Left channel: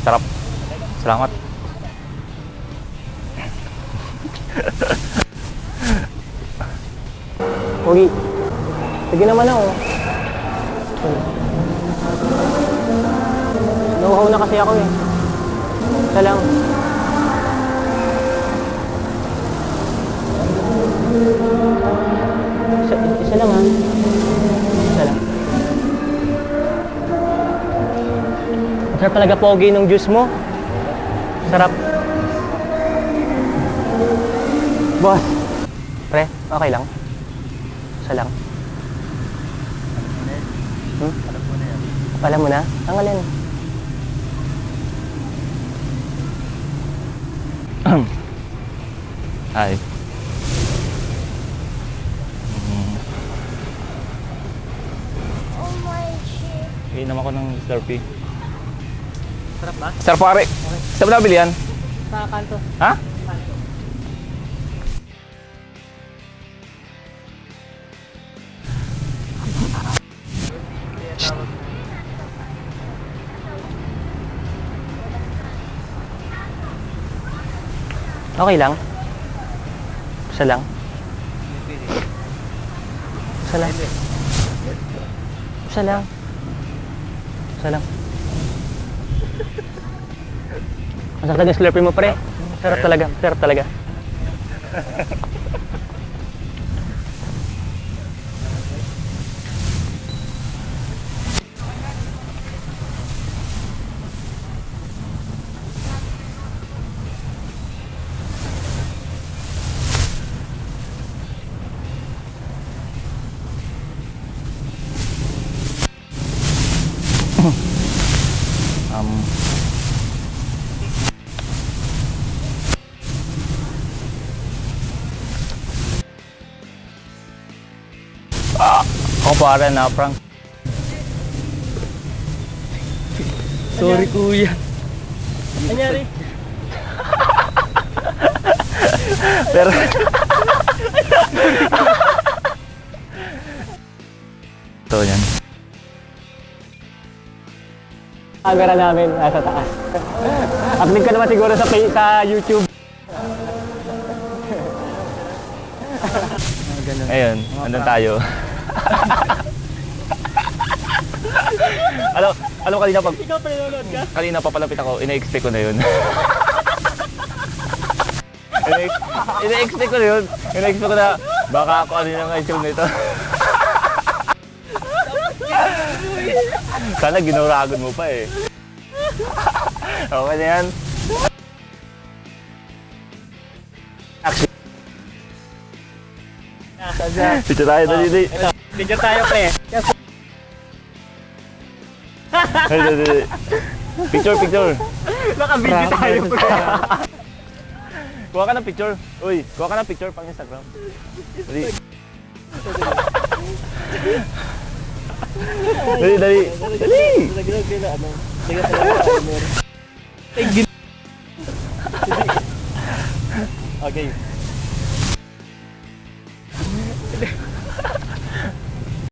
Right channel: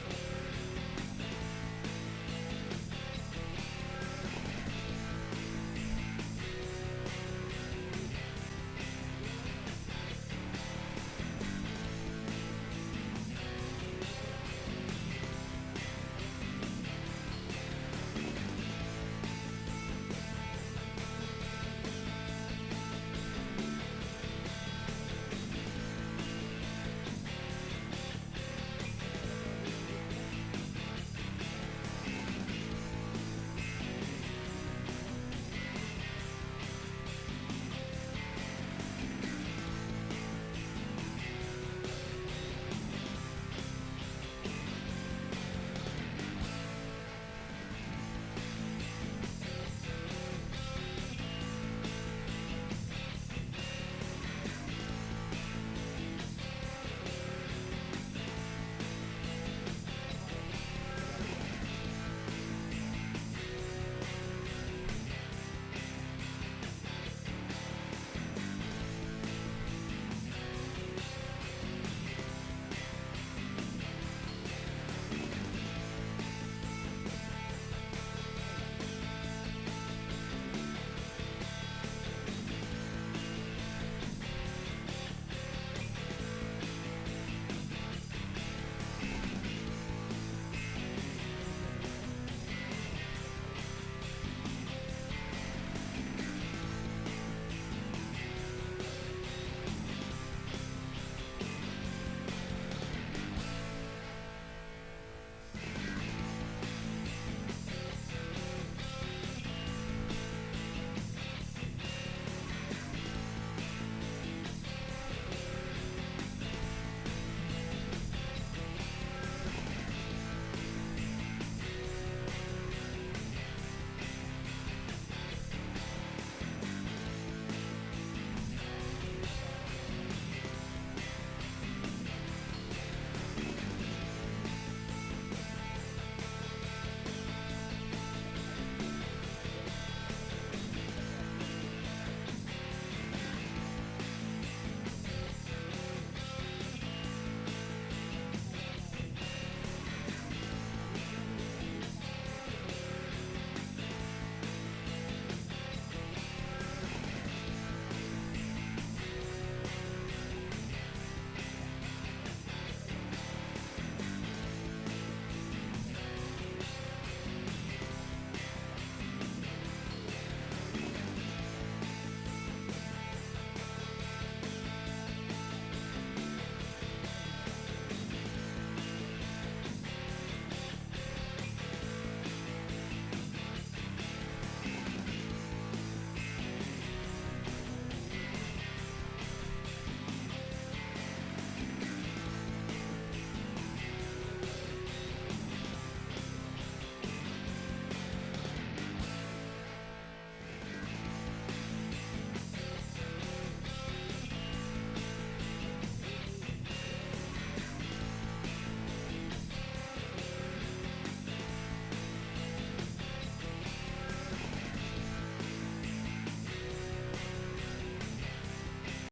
Sarap. Salamat. Pogi. Sige naman ako. Nauhaw na kasi ako eh. Isa lang. Isa lang ha. Isa lang. Sarap talaga pogi ng juice mo. Sarap. Boss. Pre, okay lang? Isa lang. Alam mo na? Ang alin? Ay. Inom ako ng Slurpee. Sarap ba? Sarap pare. Saan mo nabili yan? Sa kanto. Ha? Okay lang? Isa lang? Isa lang? Isa lang? Isa lang? Ang sarap talaga Slurpee mo, pre. Sarap talaga, sarap talaga. Ako pare na prank. Sorry, kuya. Anyari? Pero ito yan. Agara namin nasa taas. Upload ka naman siguro sa YouTube. Ayun, andun tayo. Alam mo kanina Ikaw pa nanonood ka? kanina papalapit ako, ina-expect ko na yun. Ina-expect ko na yun. Ina-expect ko na baka ako ano yung issue nito. Sana ginuragon mo pa eh. Okay na yan. Picture tayo, dali. Picture tayo, pre. Dali. Picture. Naka-video tayo, pre. Kuha ka ng picture. Uy, kuha ka ng picture pang Instagram. Dali. Dali. Okay.